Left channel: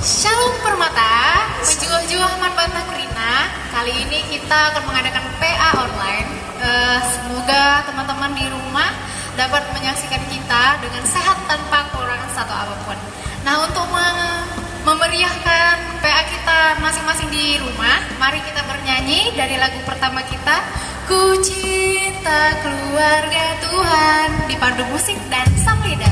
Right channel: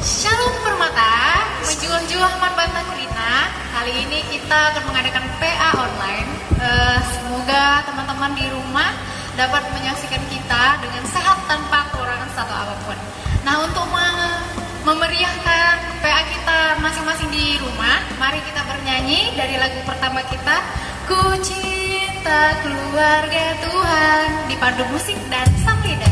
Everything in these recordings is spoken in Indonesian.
Shalom Permata, menjual-jual martabak Rina. Kali ini kita akan mengadakan PA online. Semoga teman-teman di rumah dapat menyaksikan kita dengan sehat tanpa kurang satu apapun. Nah, untuk memeriahkan PA kita masing-masing di rumah, mari kita bernyanyi dari lagu pertama kita, Ku Cinta Keluarga Tuhan, dipandu musik dan sang lidah.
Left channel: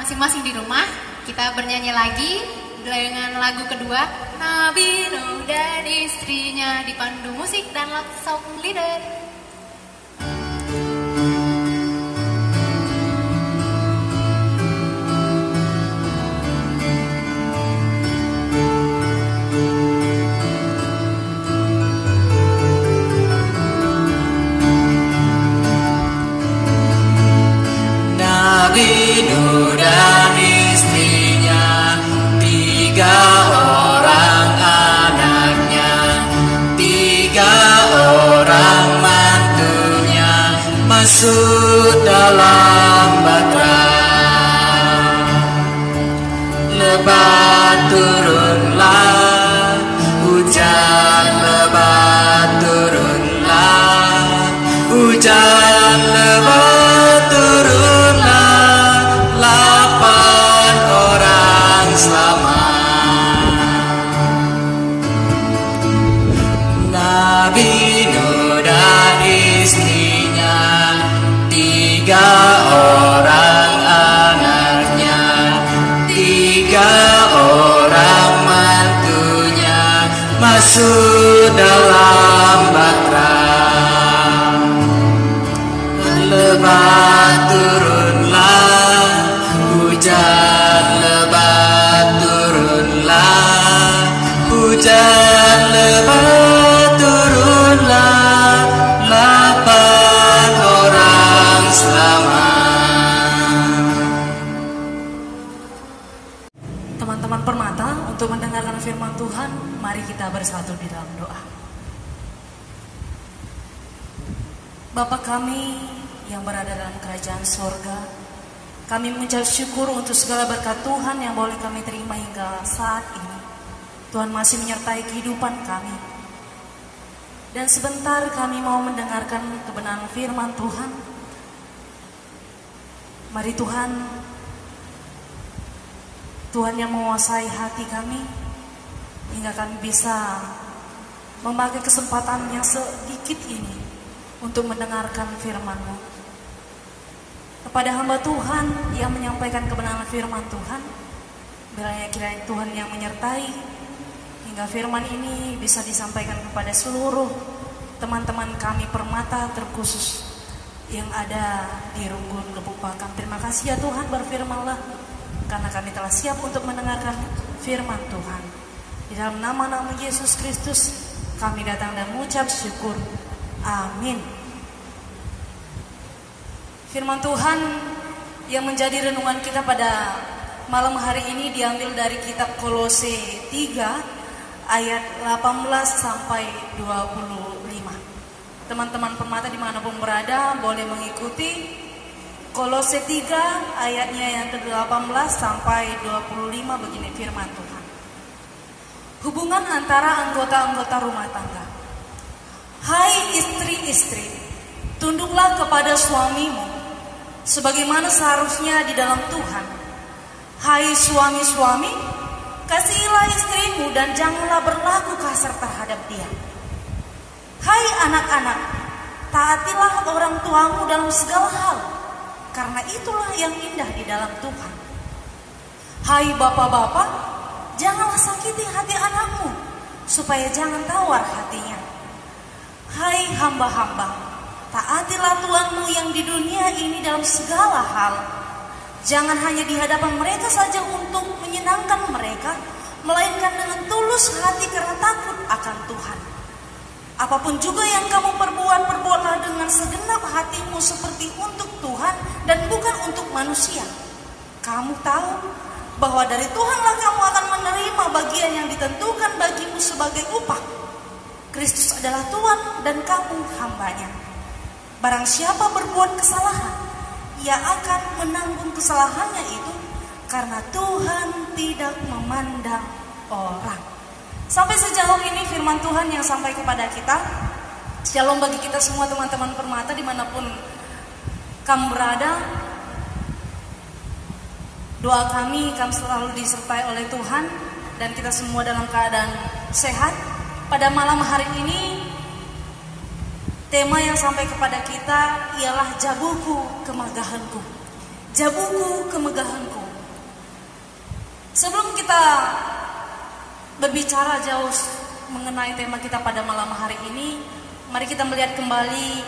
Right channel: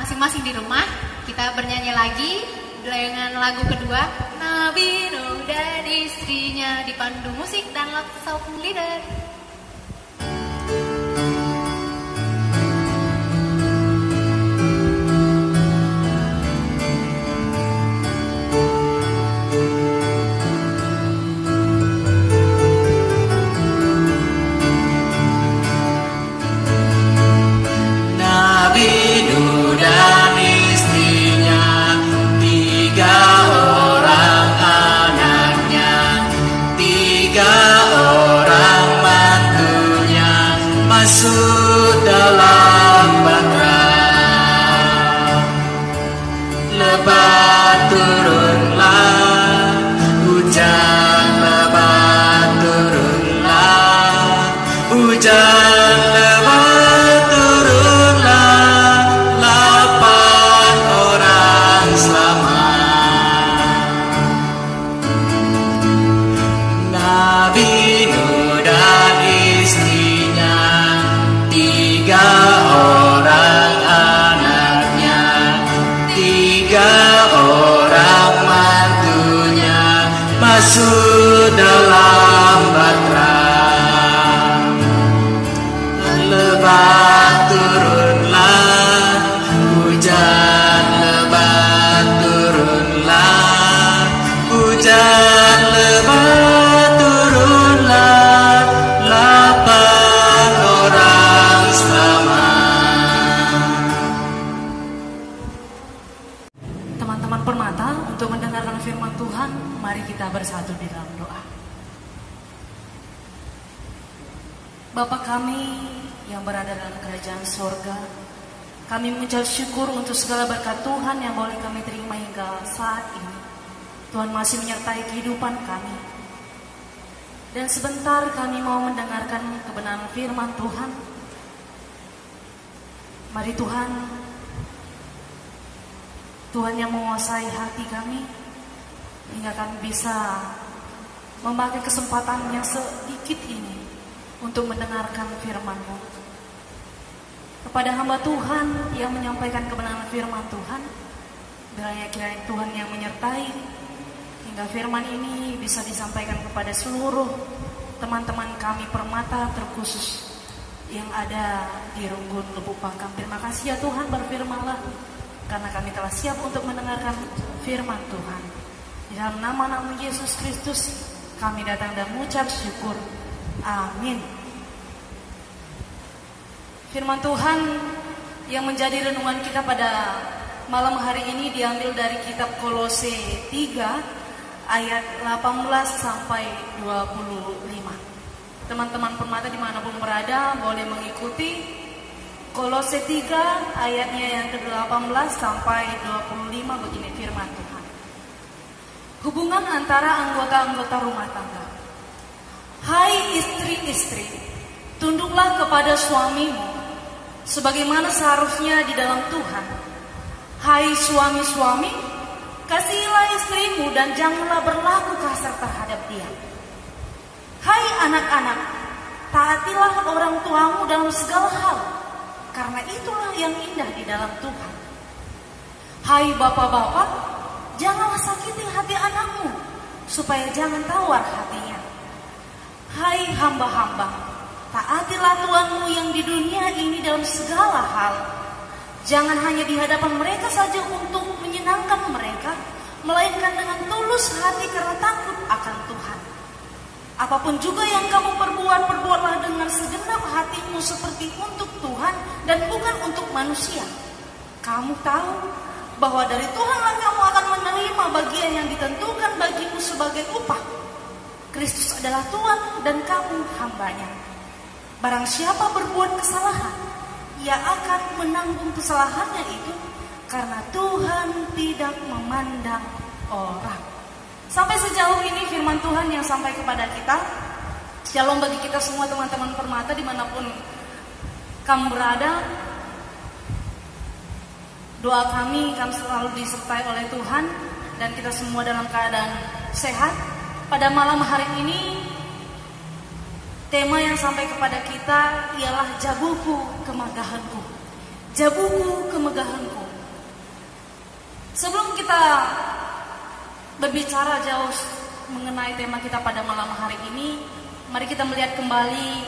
Masing-masing di rumah, kita bernyanyi lagi dengan lagu kedua, Nabi Nuh dan istrinya, dipandu musik dan sound leader. Masuk dalam batra, lebat turunlah hujan, lebat turunlah hujan, lebat turunlah 8 orang selamat. Nabi Nuh dan istrinya, 3 orang anaknya, 3 orang mantunya, masuk dalam batra. Lebat turunlah hujan, lebat turunlah hujan, lebat turunlah 8 orang selamat. Teman-teman Permata, untuk mendengarkan firman Tuhan, mari kita bersatu di dalam doa. Bapa kami yang berada dalam kerajaan sorga, kami mengucap syukur untuk segala berkat Tuhan yang boleh kami terima hingga saat ini. Tuhan masih menyertai kehidupan kami. Dan sebentar kami mau mendengarkan kebenaran firman Tuhan. Mari Tuhan, Tuhan yang menguasai hati kami, hingga kami bisa memakai kesempatan yang sedikit ini untuk mendengarkan firman-Mu. Kepada hamba Tuhan yang menyampaikan kebenaran firman Tuhan, biarlah kiranya Tuhan yang menyertai, hingga firman ini bisa disampaikan kepada seluruh teman-teman kami Permata, terkhusus yang ada di Runggun Lebuk Pakam. Terima kasih ya Tuhan, berfirman-Lah, karena kami telah siap untuk mendengarkan firman Tuhan. Di dalam nama-Nama Yesus Kristus kami datang dan mengucap syukur. Amin. Firman Tuhan yang menjadi renungan kita pada malam hari ini diambil dari kitab Kolose 3 ayat 18 sampai 25. Teman-teman permata dimanapun berada boleh mengikuti. Kolose 3 ayatnya yang ke-18 sampai 25 begini firman Tuhan. Hubungan antara anggota-anggota rumah tangga. Hai istri-istri, tunduklah kepada suamimu sebagaimana seharusnya di dalam Tuhan. Hai suami-suami, kasihilah istrimu dan janganlah berlaku kasar terhadap dia. Hai anak-anak, taatilah orang tuamu dalam segala hal, karena itulah yang indah di dalam Tuhan. Hai bapak-bapak, janganlah sakiti hati anakmu, supaya jangan tawar hatinya. Hai hamba-hamba, taatilah tuanmu yang di dunia ini dalam segala hal. Jangan hanya di hadapan mereka saja untuk menyenangkan mereka, melainkan dengan tulus hati karena takut akan Tuhan. Apapun juga yang kamu perbuat, perbuatlah dengan segenap hatimu seperti untuk Tuhan dan bukan untuk manusia. Kamu tahu bahwa dari Tuhanlah kamu akan menerima bagian yang ditentukan bagimu sebagai upah. Kristus adalah Tuhan dan kamu hambanya. Barang siapa berbuat kesalahan, ia akan menanggung kesalahannya itu, karena Tuhan tidak memandang orang. Sampai sejauh ini firman Tuhan yang sampai kepada kita. Shalom bagi kita semua teman-teman permata dimanapun kamu berada. Doa kami akan selalu disertai oleh Tuhan dan kita semua dalam keadaan sehat. Pada malam hari ini tema yang sampai kepada kita ialah jabuku kemegahanku. Jabuku kemegahanku. Sebelum kita berbicara jauh mengenai tema kita pada malam hari ini, mari kita melihat kembali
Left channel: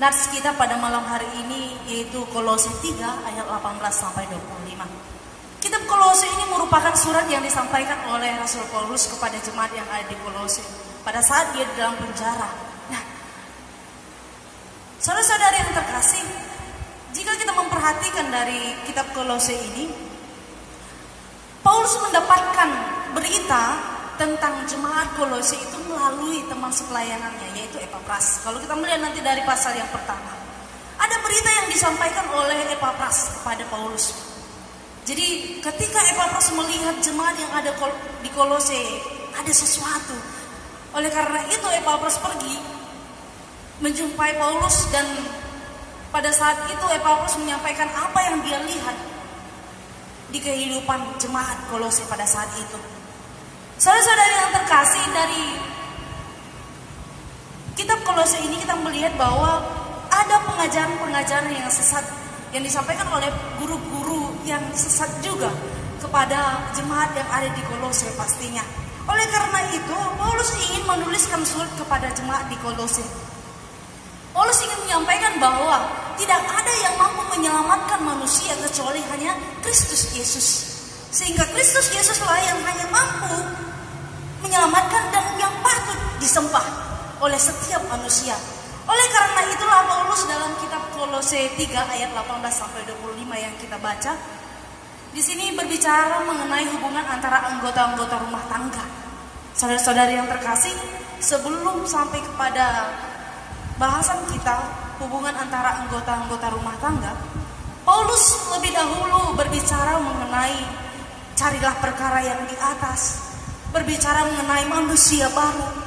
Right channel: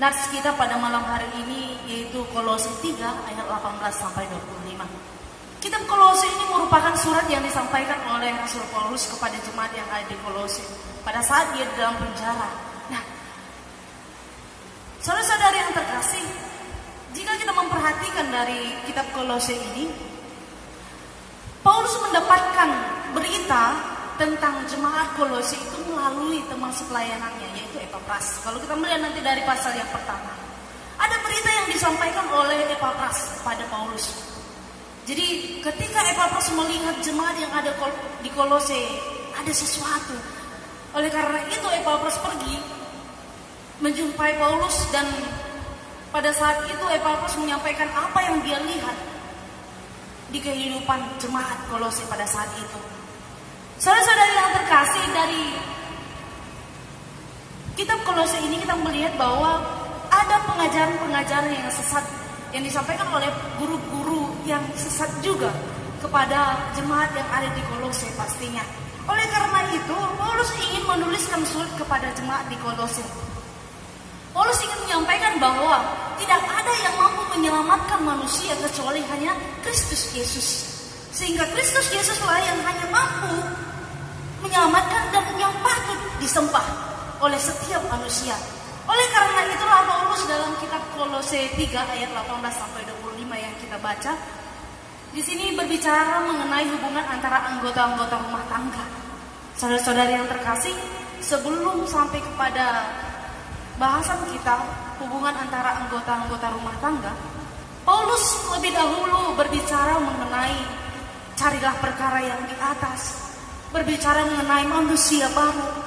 nats kita pada malam hari ini, yaitu Kolose 3 ayat 18 sampai 25. Kitab Kolose ini merupakan surat yang disampaikan oleh Rasul Paulus kepada jemaat yang ada di Kolose pada saat dia di dalam penjara. Nah, saudara-saudara yang terkasih, jika kita memperhatikan dari kitab Kolose ini, Paulus mendapatkan berita tentang jemaat Kolose itu melalui teman sepelayanannya, yaitu Epapras. Kalau kita melihat nanti dari pasal yang pertama, ada berita yang disampaikan oleh Epapras kepada Paulus. Jadi ketika Epapras melihat jemaat yang ada di Kolose, ada sesuatu. Oleh karena itu Epapras pergi menjumpai Paulus, dan pada saat itu Epapras menyampaikan apa yang dia lihat di kehidupan jemaat Kolose pada saat itu. Saudara-saudari yang terkasih, dari kitab Kolose ini kita melihat bahwa ada pengajaran-pengajaran yang sesat yang disampaikan oleh guru-guru yang sesat juga kepada jemaat yang ada di Kolose pastinya. Oleh karena itu, Paulus ingin menuliskan surat kepada jemaat di Kolose. Paulus ingin menyampaikan bahwa tidak ada yang mampu menyelamatkan manusia kecuali hanya Kristus Yesus. Sehingga Kristus Yesuslah yang hanya mampu menyelamatkan dan yang patut disembah oleh setiap manusia. Oleh karena itulah Paulus dalam kitab Kolose 3 ayat 18 sampai 25 yang kita baca, di sini berbicara mengenai hubungan antara anggota-anggota rumah tangga. Saudara-saudari yang terkasih, sebelum sampai kepada bahasan kita hubungan antara anggota-anggota rumah tangga, Paulus lebih dahulu berbicara mengenai carilah perkara yang di atas, berbicara mengenai manusia baru.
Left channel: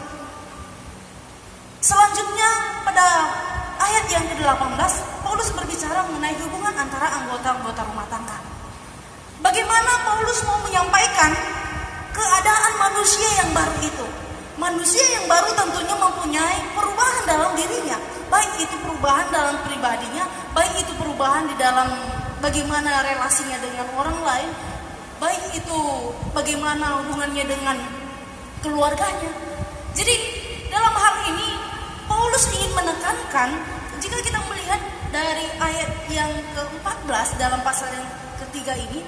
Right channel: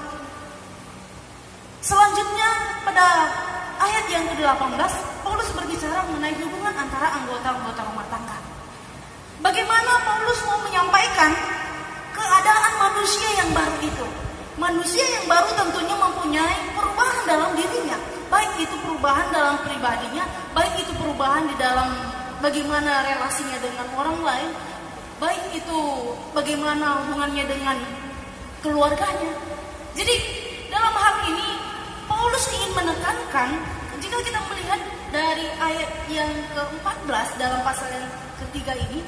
Selanjutnya pada ayat yang ke-18, Paulus berbicara mengenai hubungan antara anggota-anggota rumah tangga. Bagaimana Paulus mau menyampaikan keadaan manusia yang baru itu. Manusia yang baru tentunya mempunyai perubahan dalam dirinya, baik itu perubahan dalam pribadinya, baik itu perubahan di dalam bagaimana relasinya dengan orang lain, baik itu bagaimana hubungannya dengan keluarganya. Jadi dalam hal ini Paulus ingin menekankan, jika kita melihat dari ayat yang ke-14 dalam pasal yang ketiga ini,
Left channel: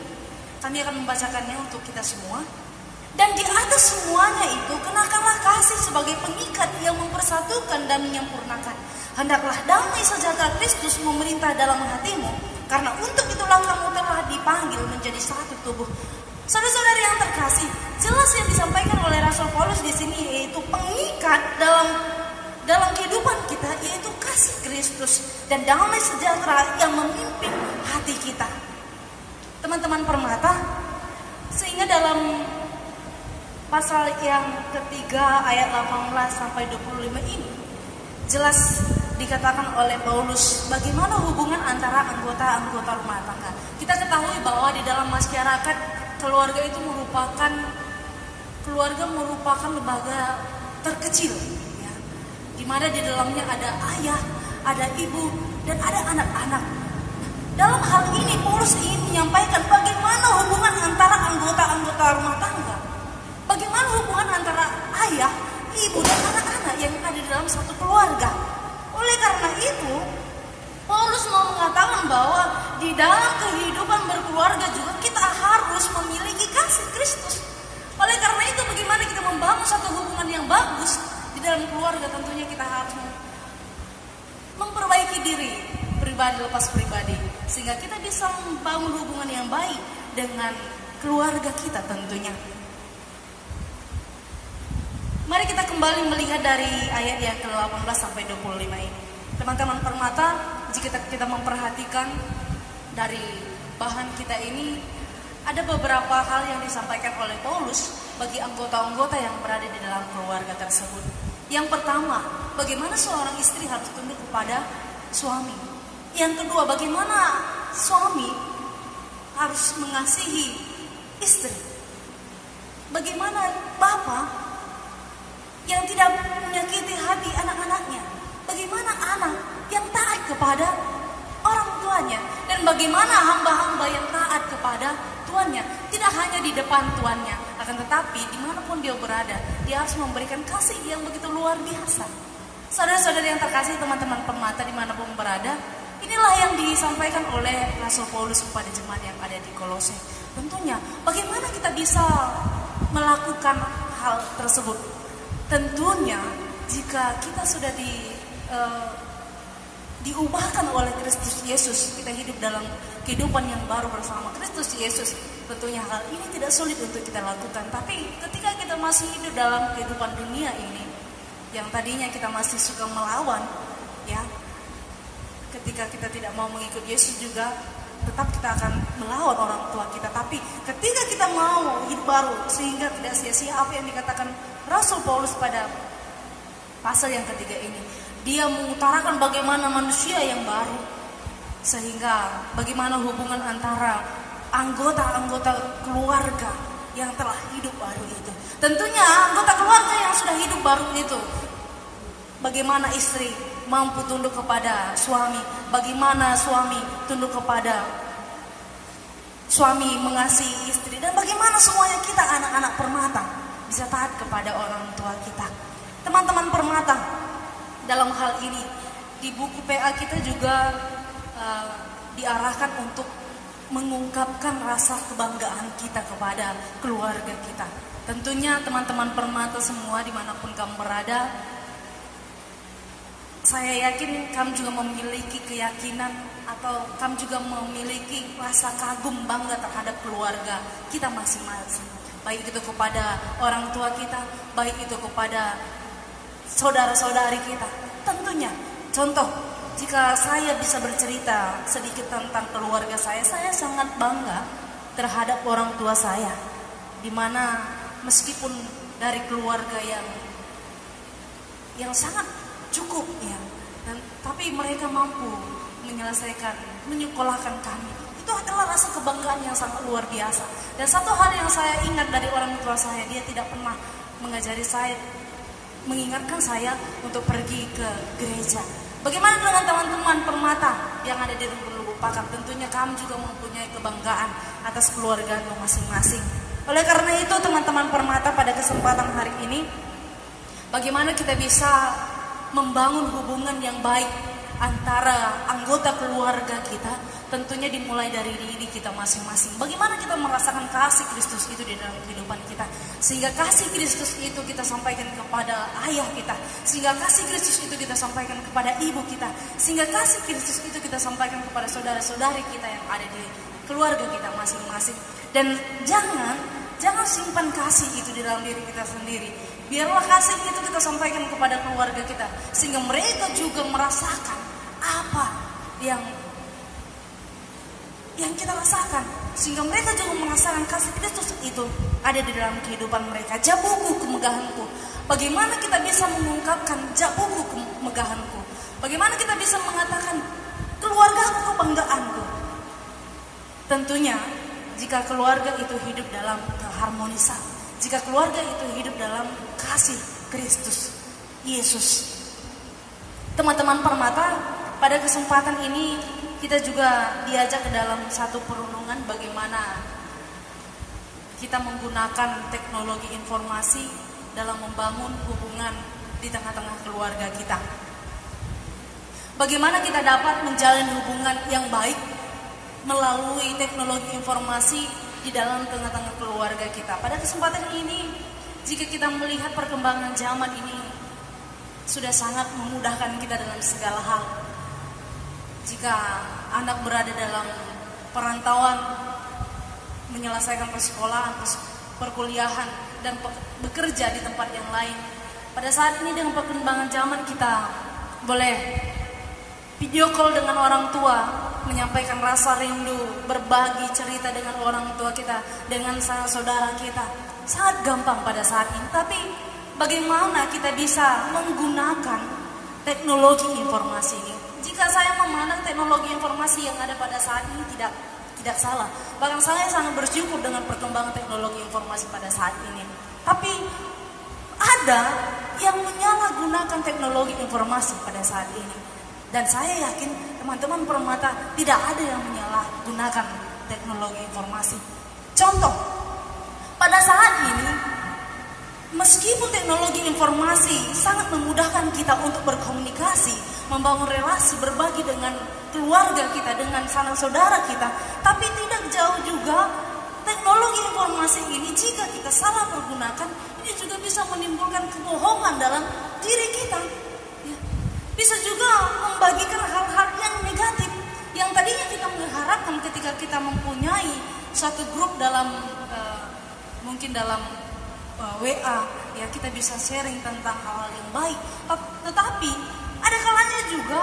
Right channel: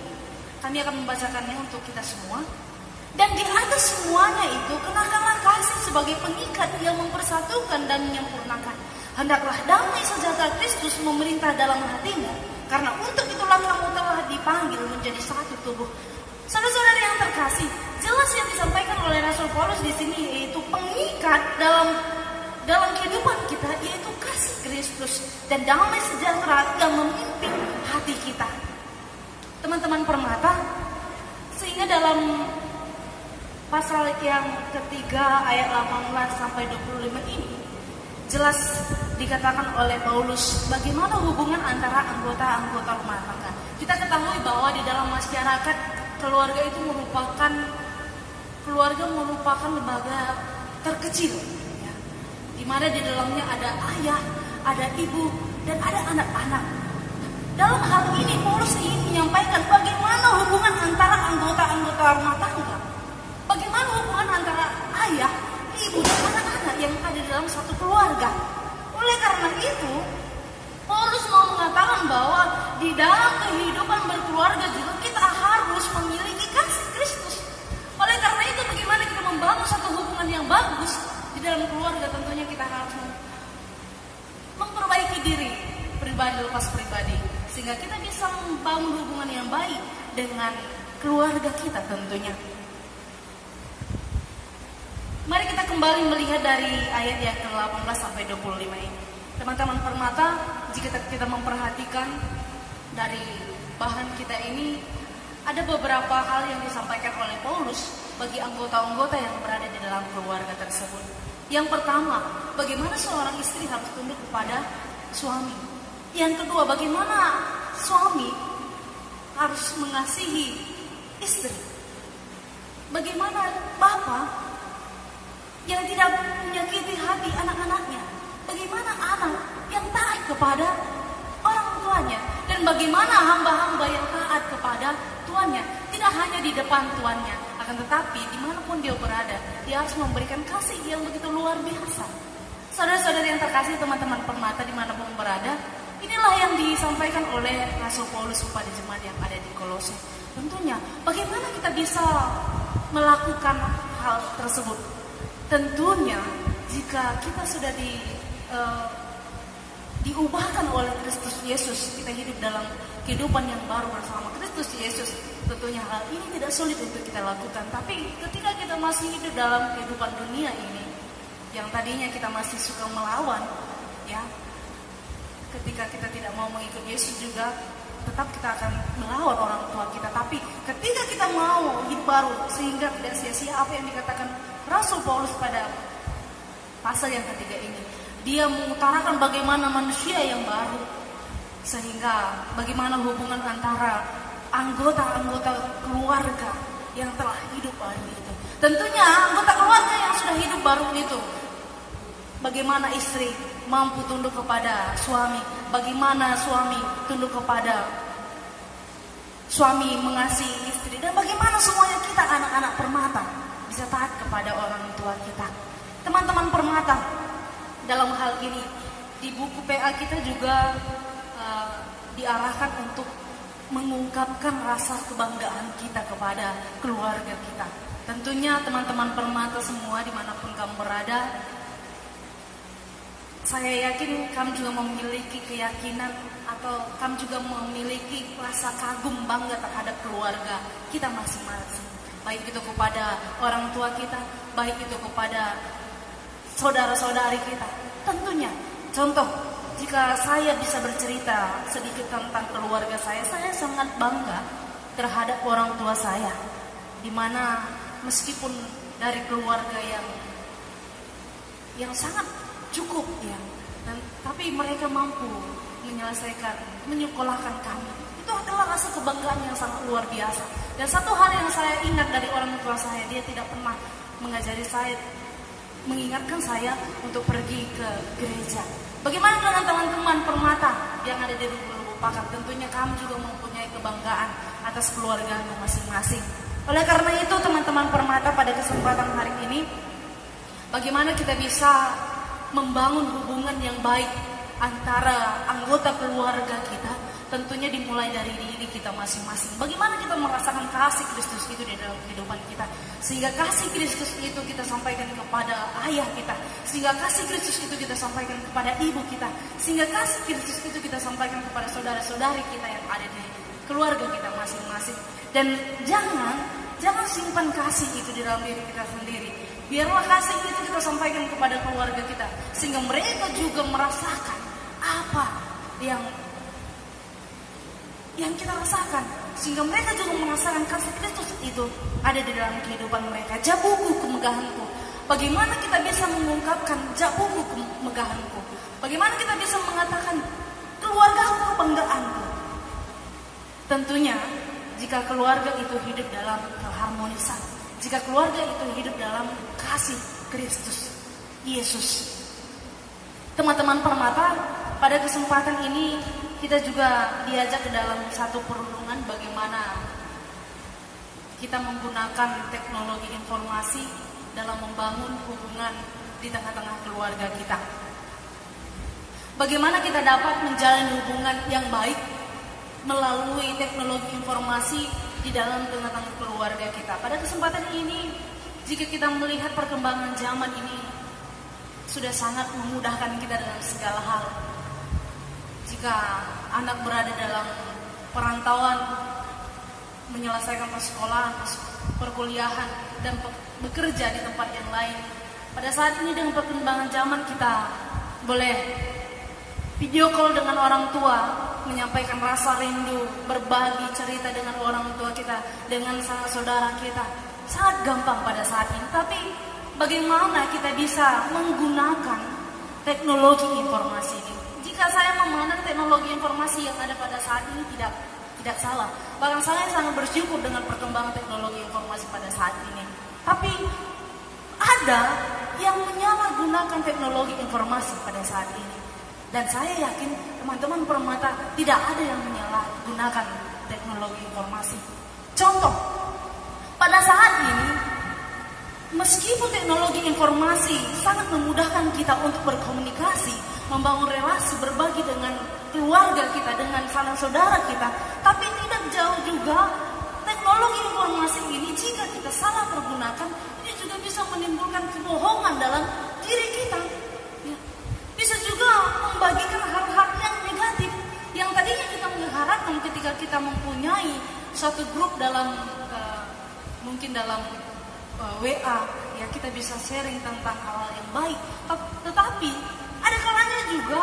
kami akan membacakannya untuk kita semua. Dan di atas semuanya itu, kenakanlah kasih sebagai pengikat yang mempersatukan dan menyempurnakan. Hendaklah damai sejahtera Kristus memerintah dalam hatimu, karena untuk itulah kamu telah dipanggil menjadi satu tubuh. Saudara-saudari yang terkasih, jelas yang disampaikan oleh Rasul Paulus di sini yaitu pengikat dalam kehidupan kita yaitu kasih Kristus dan damai sejahtera yang memimpin hati kita. Teman-teman permata, sehingga dalam pasal yang ketiga ayat 18 sampai 25 ini jelas dikatakan oleh Paulus bagaimana hubungan antara anggota-anggota rumah tangga. Kita ketahui bahwa di dalam masyarakat keluarga itu merupakan lembaga terkecil, ya, di mana di dalamnya ada ayah, ada ibu, dan ada anak-anak. Dalam hal ini Paulus ingin menyampaikan bagaimana hubungan antara anggota-anggota rumah tangga, bagaimana hubungan antara ayah, ibu, dan anak-anak yang ada di dalam satu keluarga. Oleh karena itu, Paulus mau mengatakan bahwa di dalam kehidupan berkeluarga juga kita harus memiliki kasih Kristus. Oleh karena itu, bagaimana kita membangun satu hubungan yang bagus di dalam keluarga, tentunya kita harus memperbaiki diri pribadi lepas pribadi, sehingga kita bisa membangun hubungan yang baik dengan keluarga kita tentunya. Mari kita kembali melihat dari ayat yang ke-18 sampai 25 ini. Teman-teman permata, jika kita memperhatikan dari bahan kita ini, ada beberapa hal yang disampaikan oleh Paulus bagi anggota-anggota yang berada di dalam keluarga tersebut. Yang pertama, bagaimana seorang istri harus tunduk kepada suami. Yang kedua, bagaimana suami harus mengasihi istri. Bagaimana bapak yang tidak menyakiti hati anak-anaknya. Bagaimana anak yang taat kepada orang tuanya. Dan bagaimana hamba-hamba yang taat kepada tuannya. Tidak hanya di depan tuannya, akan tetapi dimanapun dia berada, dia harus memberikan kasih yang begitu luar biasa. Saudara-saudara yang terkasih, teman-teman permata dimanapun berada, inilah yang disampaikan oleh Rasul Paulus kepada jemaat yang ada di Kolose. Tentunya bagaimana kita bisa melakukan hal tersebut. Tentunya jika kita sudah diubahkan oleh Kristus Yesus, kita hidup dalam kehidupan yang baru bersama Kristus Yesus, tentunya hal ini tidak sulit untuk kita lakukan. Tapi ketika kita masih hidup dalam kehidupan dunia ini, yang tadinya kita masih suka melawan, ya, ketika kita tidak mau mengikut Yesus juga, tetap kita akan melawan orang tua kita. Tapi ketika kita mau hidup baru, sehingga tidak sia-sia apa yang dikatakan Rasul Paulus pada pasal yang ketiga ini, dia mengutarakan bagaimana manusia yang baru, sehingga bagaimana hubungan antara anggota-anggota keluarga yang telah hidup baru itu. Tentunya anggota keluarga yang sudah hidup baru itu, bagaimana istri mampu tunduk kepada suami, bagaimana suami tunduk kepada suami, mengasihi istri, dan bagaimana semuanya kita anak-anak permata bisa taat kepada orang tua kita. Teman-teman permata, dalam hal ini di buku PA kita juga diarahkan untuk mengungkapkan rasa kebanggaan kita kepada keluarga kita. Tentunya teman-teman permata semua dimanapun kamu berada, saya yakin kamu juga memiliki keyakinan atau kamu juga memiliki rasa kagum bangga terhadap keluarga kita masing-masing. Baik itu kepada orang tua kita, baik itu kepada saudara-saudari kita. Tentunya, contoh, jika saya bisa bercerita sedikit tentang keluarga saya sangat bangga terhadap orang tua saya. Di mana meskipun dari keluarga yang sangat cukup, ya, tapi mereka mampu menyekolahkan kami. Itu adalah rasa kebanggaan yang sangat luar biasa. Dan satu hal yang saya ingat dari orang tua saya, dia tidak pernah mengingatkan saya untuk pergi ke gereja. Bagaimana dengan teman-teman permata yang ada di Lubuk Pakar? Tentunya kamu juga mempunyai kebanggaan atas keluarganya masing-masing. Oleh karena itu, teman-teman permata, pada kesempatan hari ini, bagaimana kita bisa membangun hubungan yang baik antara anggota keluarga kita, tentunya dimulai dari diri kita masing-masing. Bagaimana kita merasakan kasih Kristus itu di dalam kehidupan kita, sehingga kasih Kristus itu kita sampaikan kepada ayah kita, sehingga kasih Kristus itu kita sampaikan kepada ibu kita, sehingga kasih Kristus itu kita sampaikan kepada saudara-saudari kita yang ada di keluarga kita masing-masing. Dan jangan jangan simpan kasih itu di dalam diri kita sendiri. Biarlah kasih itu kita sampaikan kepada keluarga kita, sehingga mereka juga merasakan apa yang kita rasakan, sehingga mereka juga merasakan kasih Kristus itu ada di dalam kehidupan mereka. Jabuku kemegahanku. Bagaimana kita bisa mengungkapkan jabuku kemegahanku? Bagaimana kita bisa mengatakan keluargaku kebanggaanku? Tentunya jika keluarga itu hidup dalam keharmonisan, jika keluarga itu hidup dalam kasih Kristus Yesus. Teman-teman Permata, pada kesempatan ini kita juga diajak ke dalam satu perenungan bagaimana kita menggunakan teknologi informasi dalam membangun hubungan di tengah-tengah keluarga kita. Bagaimana kita dapat menjalin hubungan yang baik melalui teknologi informasi di dalam tengah-tengah keluarga kita. Pada kesempatan ini, jika kita melihat perkembangan zaman ini sudah sangat memudahkan kita dalam segala hal. Jika anak berada dalam perantauan, menyelesaikan persekolahan, perkuliahan, dan bekerja di tempat yang lain. Pada saat ini dengan perkembangan zaman kita boleh video call dengan orang tua, menyampaikan rasa rindu, berbagi cerita dengan orang tua kita, dengan saudara kita. Sangat gampang pada saat ini. Tapi bagaimana kita bisa menggunakan teknologi informasi ini? Jika saya memandang teknologi informasi yang ada pada saat ini tidak salah. Bahkan saya sangat bersyukur dengan perkembangan teknologi informasi pada saat ini. Tapi ada yang menyalahgunakan teknologi informasi pada saat ini. Dan saya yakin teman-teman Permata tidak ada yang menyalahgunakan teknologi informasi. Contoh, pada saat ini meskipun teknologi informasi sangat memudahkan kita untuk berkomunikasi, membangun relasi, berbagi dengan keluarga kita, dengan sanak saudara kita, tapi tidak jauh juga teknologi informasi ini jika kita salah pergunakan, ini juga bisa menimbulkan kebohongan dalam diri kita. Ya. Bisa juga membagikan hal-hal yang negatif yang tadinya kita mengharapkan ketika kita mempunyai suatu grup dalam mungkin dalam WA, ya kita bisa sharing tentang hal-hal yang baik. Tetapi ada kalanya juga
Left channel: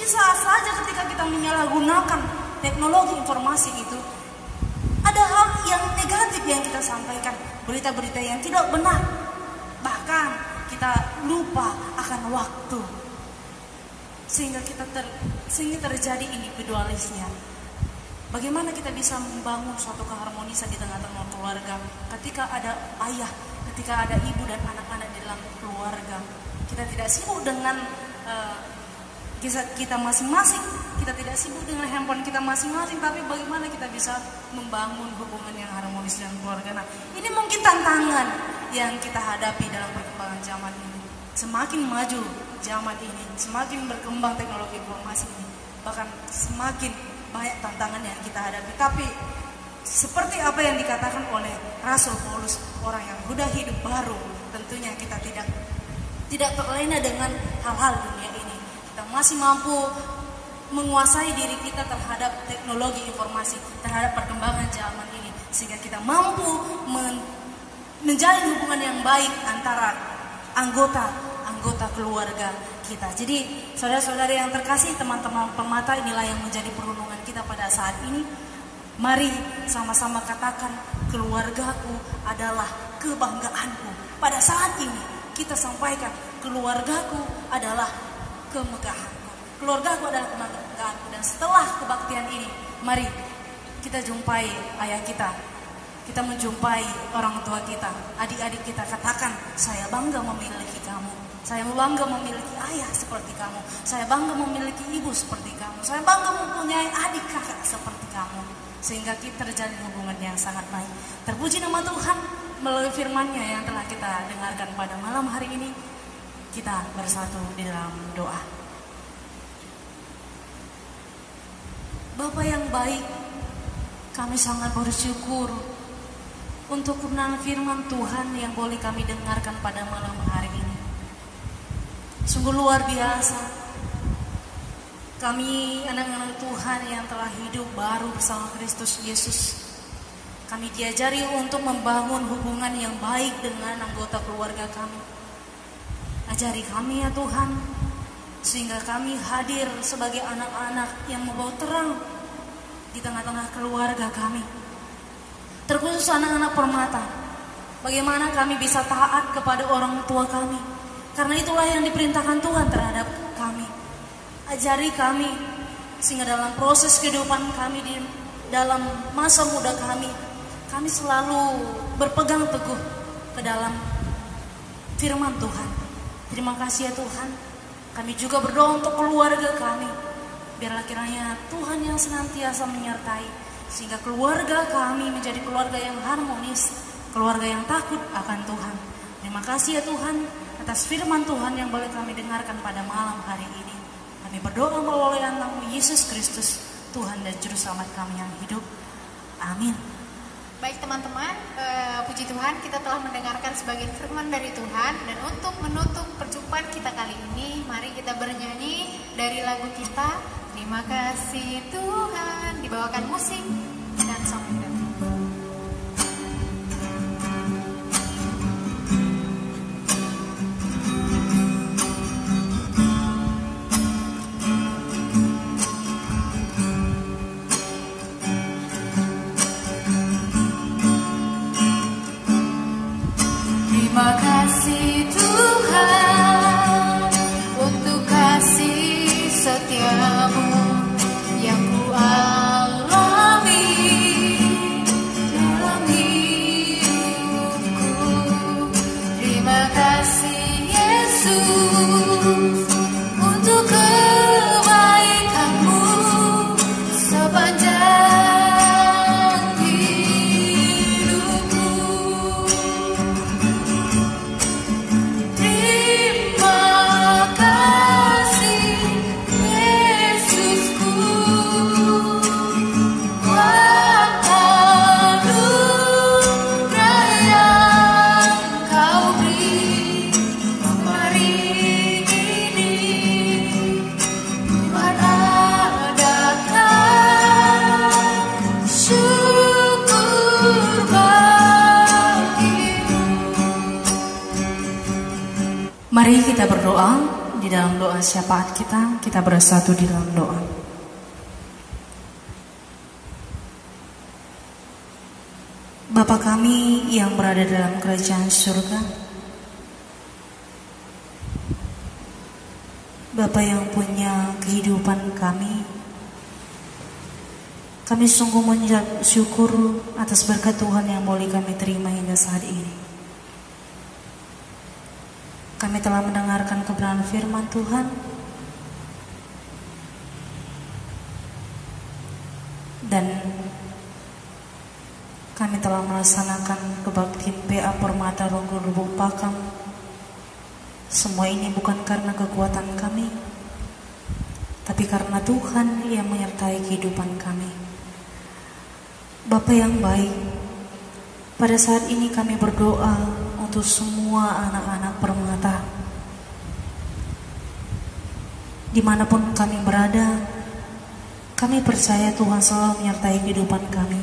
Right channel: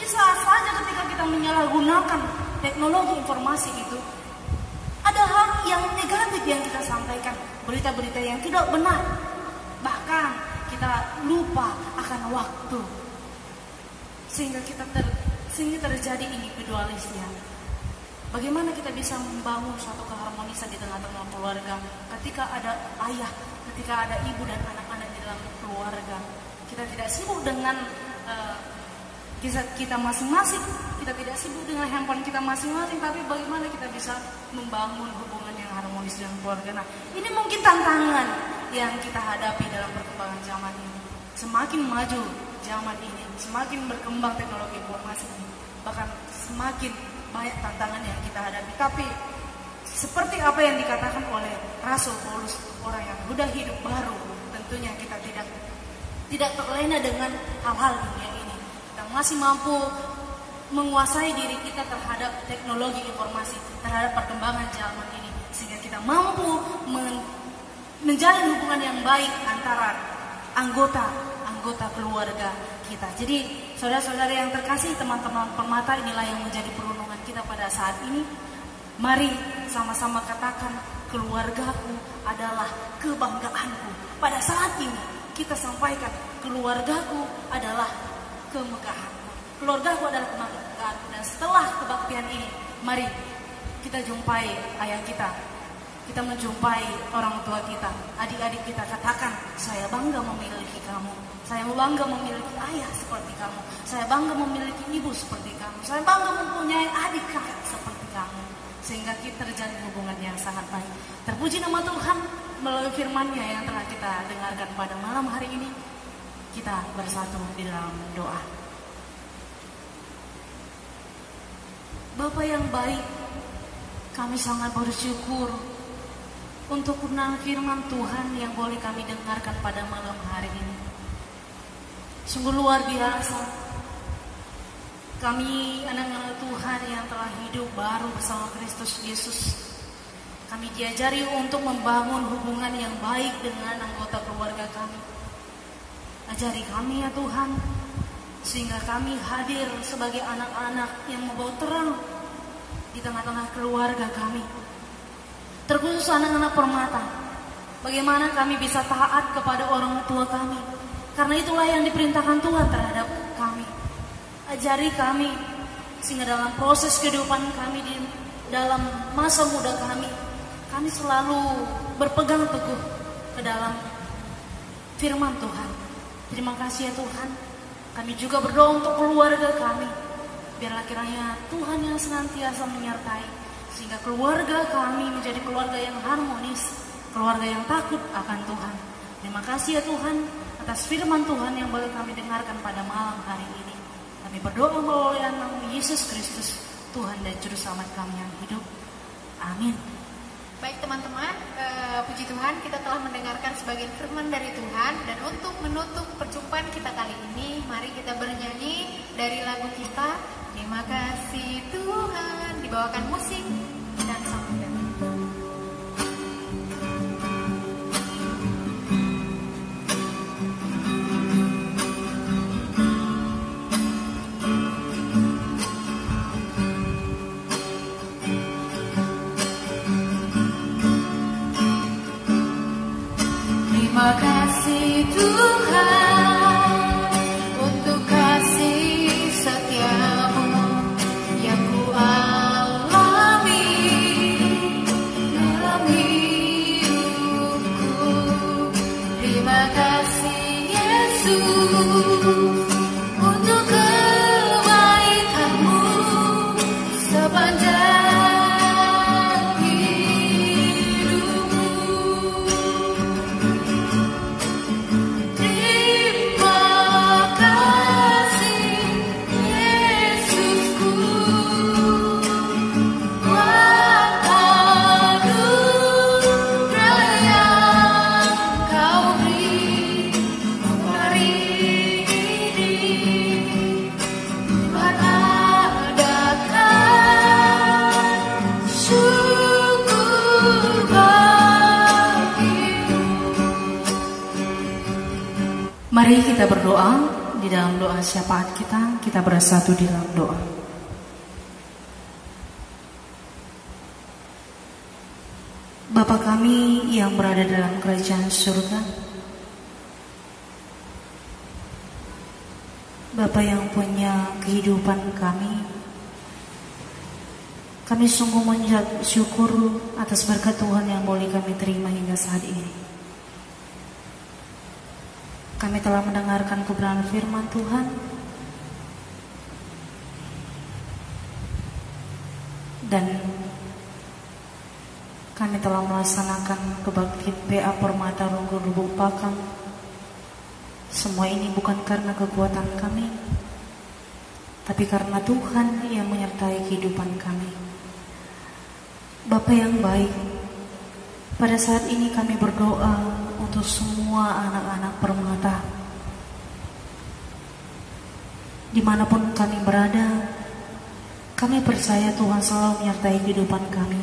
bisa saja ketika kita menyalahgunakan teknologi informasi itu, ada hal yang negatif yang kita sampaikan, berita-berita yang tidak benar. Bahkan kita lupa akan waktu, sehingga terjadi individualisnya. Bagaimana kita bisa membangun suatu keharmonisan di tengah-tengah keluarga ketika ada ayah, ketika ada ibu dan anak-anak di dalam keluarga. Kita tidak sibuk dengan kisah kita masing-masing, kita tidak sibuk dengan handphone kita masing-masing, tapi bagaimana kita bisa membangun hubungan yang harmonis dengan keluarga. Nah, ini mungkin tantangan yang kita hadapi dalam perkembangan zaman ini. Semakin maju zaman ini, semakin berkembang teknologi informasi ini, bahkan semakin banyak tantangan yang kita hadapi. Tapi seperti apa yang dikatakan oleh Rasul Paulus, orang yang sudah hidup baru, tentunya kita tidak terlena dengan hal-hal dunia ini. Kita masih mampu menguasai diri kita terhadap teknologi informasi, terhadap perkembangan zaman ini, sehingga kita mampu menjalin hubungan yang baik antara anggota keluarga kita. Jadi saudara-saudari yang terkasih, teman-teman Permata, inilah yang menjadi perundungan kita pada saat ini. Mari sama-sama katakan, keluargaku adalah kebanggaanku. Pada saat ini kita sampaikan, keluargaku adalah kemegahanku. Keluargaku adalah kebanggaanku. Dan setelah kebaktian ini, mari kita jumpai ayah kita. Kita menjumpai orang tua kita, adik-adik kita, katakan, saya bangga memiliki kamu. Saya bangga memiliki ayah seperti kamu. Saya bangga memiliki ibu seperti kamu. Saya bangga mempunyai adik kakak seperti kamu. Sehingga kita terjalin hubungan yang sangat baik. Terpuji nama Tuhan melalui firman-Nya yang telah kita dengarkan pada malam hari ini. Kita bersatu di dalam doa. Bapa yang baik, kami sangat bersyukur untuk kebenaran firman Tuhan yang boleh kami dengarkan pada malam hari ini. Sungguh luar biasa. Kami anak-anak Tuhan yang telah hidup baru bersama Kristus Yesus. Kami diajari untuk membangun hubungan yang baik dengan anggota keluarga kami. Ajari kami ya Tuhan, sehingga kami hadir sebagai anak-anak yang membawa terang di tengah-tengah keluarga kami. Terkhusus anak-anak permata, bagaimana kami bisa taat kepada orang tua kami, karena itulah yang diperintahkan Tuhan terhadap kami. Ajari kami, sehingga dalam proses kehidupan kami, di dalam masa muda kami selalu berpegang teguh ke dalam firman Tuhan. Terima kasih ya Tuhan. Kami juga berdoa untuk keluarga kami. Biarlah kiranya Tuhan yang senantiasa menyertai, sehingga keluarga kami menjadi keluarga yang harmonis, keluarga yang takut akan Tuhan. Terima kasih ya Tuhan atas firman Tuhan yang boleh kami dengarkan pada malam hari ini. Kami berdoa melalui nama Yesus Kristus, Tuhan dan Juru Selamat kami yang hidup. Amin. Baik teman-teman, puji Tuhan kita telah mendengarkan sebagian firman dari Tuhan. Dan untuk menutup perjumpaan kita kali ini, mari kita bernyanyi dari lagu kita Terima Kasih Tuhan, dibawakan musik dan sampai Mari kita berdoa. Di dalam doa syafaat kita bersatu di dalam doa. Bapa kami yang berada dalam kerajaan surga, Bapa yang punya kehidupan kami sungguh mengucap syukur atas berkat Tuhan yang boleh kami terima hingga saat ini. Kami telah mendengarkan kebenaran firman Tuhan, dan kami telah melaksanakan kebaktian PA Permata Ronggo Lubuk Pakam. Semua ini bukan karena kekuatan kami, tapi karena Tuhan yang menyertai kehidupan kami. Bapa yang baik, pada saat ini kami berdoa untuk semua anak-anak permata, dimanapun kami berada. Kami percaya Tuhan selalu menyertai kehidupan kami.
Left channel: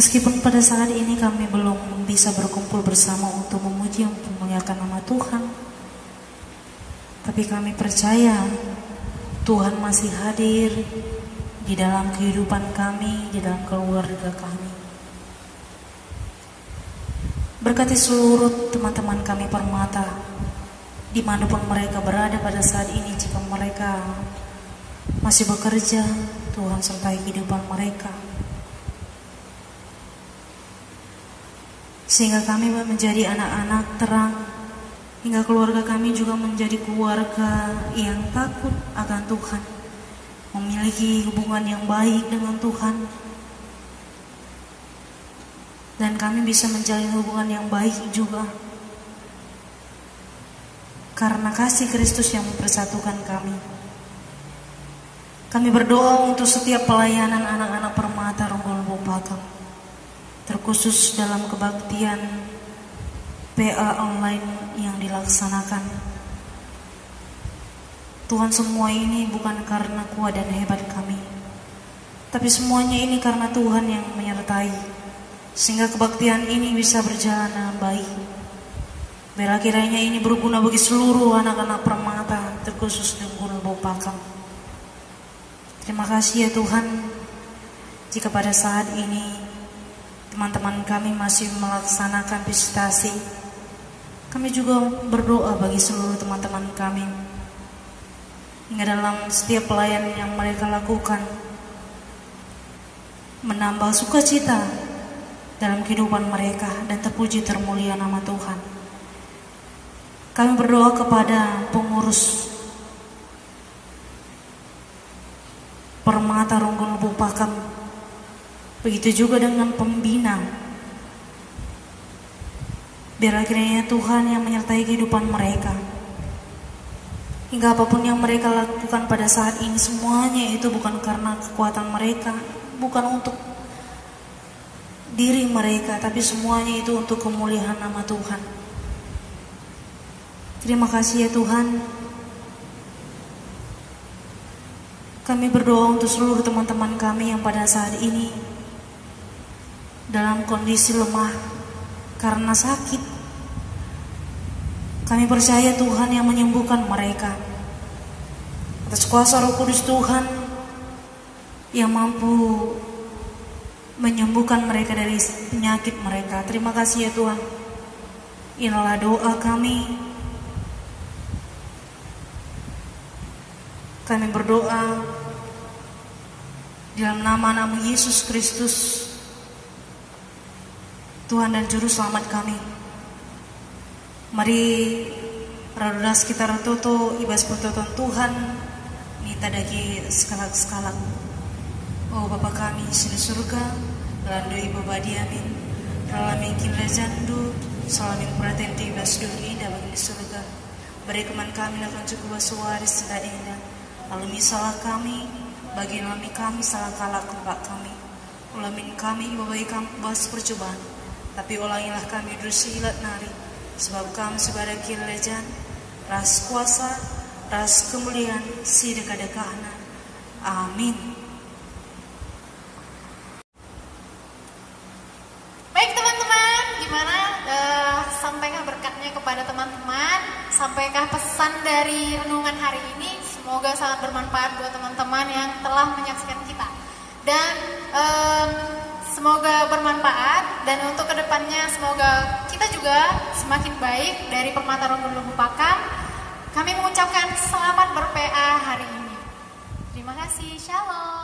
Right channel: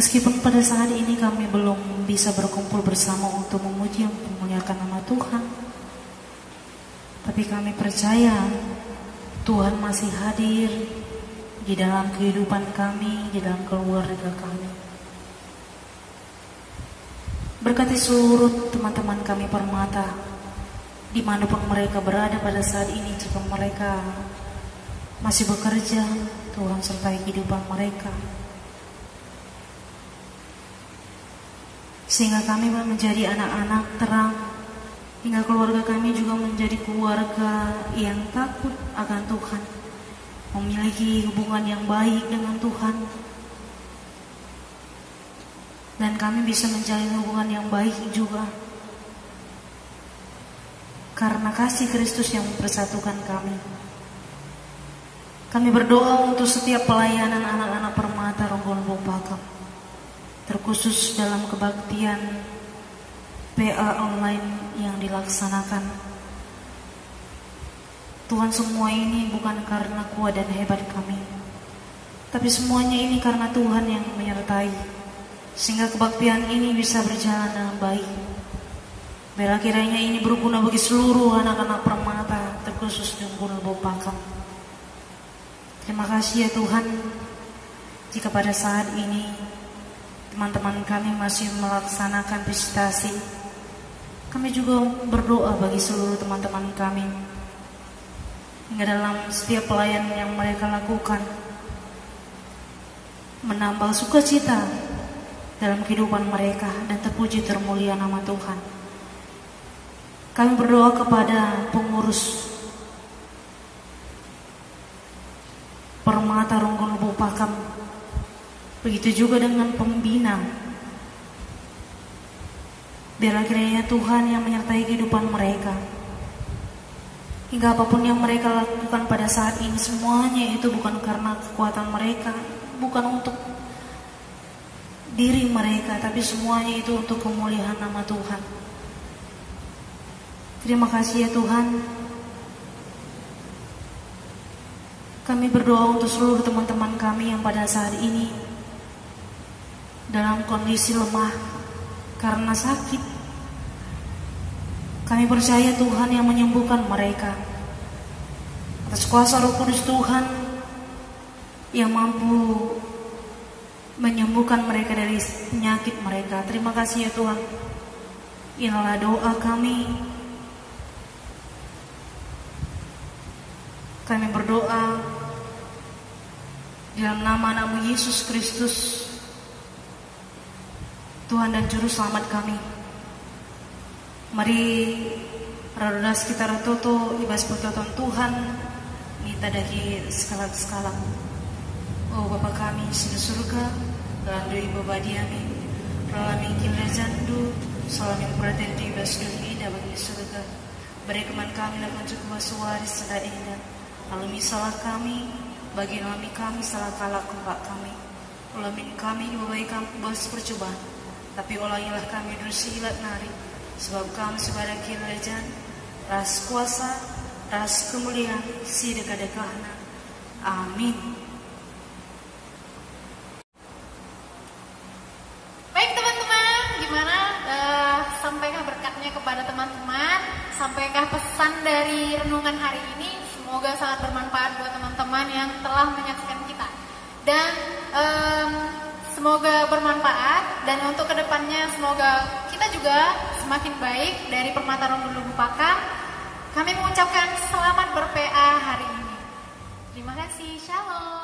Meskipun pada saat ini kami belum bisa berkumpul bersama untuk memuji dan memuliakan nama Tuhan, tapi kami percaya Tuhan masih hadir di dalam kehidupan kami, di dalam keluarga kami. Berkati seluruh teman-teman kami permata, dimanapun mereka berada pada saat ini. Jika mereka masih bekerja, Tuhan sertai kehidupan mereka, sehingga kami menjadi anak-anak terang, hingga keluarga kami juga menjadi keluarga yang takut akan Tuhan, memiliki hubungan yang baik dengan Tuhan, dan kami bisa menjalin hubungan yang baik juga karena kasih Kristus yang mempersatukan kami. Kami berdoa untuk setiap pelayanan anak-anak permata Ronggo Lubuk Pakam, terkhusus dalam kebaktian PA online yang dilaksanakan. Tuhan, semua ini bukan karena kuat dan hebat kami, Tapi semuanya ini karena Tuhan yang menyertai, sehingga kebaktian ini bisa berjalan dengan baik. Biar kiranya ini berguna bagi seluruh anak-anak Permata, terkhusus di Gunung Bopakam. Terima kasih ya Tuhan, jika pada saat ini teman-teman kami masih melaksanakan visitasi. Kami juga berdoa bagi seluruh teman-teman kami, hingga dalam setiap pelayanan yang mereka lakukan, menambah sukacita dalam kehidupan mereka, dan terpuji termulia nama Tuhan. Kami berdoa kepada pengurus Permata Ronggono Bopakam, begitu juga dengan pembina. Biarlah kiranya Tuhan yang menyertai kehidupan mereka, hingga apapun yang mereka lakukan pada saat ini, semuanya itu bukan karena kekuatan mereka, bukan untuk diri mereka, tapi semuanya itu untuk kemuliaan nama Tuhan. Terima kasih ya Tuhan. Kami berdoa untuk seluruh teman-teman kami yang pada saat ini dalam kondisi lemah karena sakit. Kami percaya Tuhan yang menyembuhkan mereka. Atas kuasa Roh Kudus Tuhan yang mampu menyembuhkan mereka dari penyakit mereka. Terima kasih ya Tuhan. Inilah doa kami. Kami berdoa dalam nama Yesus Kristus, Tuhan dan Juru Selamat kami. Mari radulas kita ratoto ibas pertoton Tuhan kita dari skala-skala. Oh Bapa kami di surga, dalam doa Ibu Badi amin. Ralamin kimla jandu, salamin praten di ibas dunia dalam di surga. Beri teman kami lakukan cukup suaris sedang indah. Alami salah kami, bagi kami salah kalah kumpak kami. Ulamin kami membaikan bos percobaan, tapi ulangilah kami dosa ilat nari. Sebab kami sebagai kerajaan, ras kuasa, ras kemuliaan, si dekat-dekat. Amin. Baik teman-teman, gimana? Sampaikan berkatnya kepada teman-teman. Sampaikan pesan dari renungan hari ini. Semoga sangat bermanfaat buat teman-teman yang telah menyaksikan kita. Dan semoga bermanfaat. Dan untuk kedepannya semoga kita juga semakin baik dari Permata Ronggono Bopakam. Kami mengucapkan selamat ber-PA hari ini. Terima kasih. Shalom.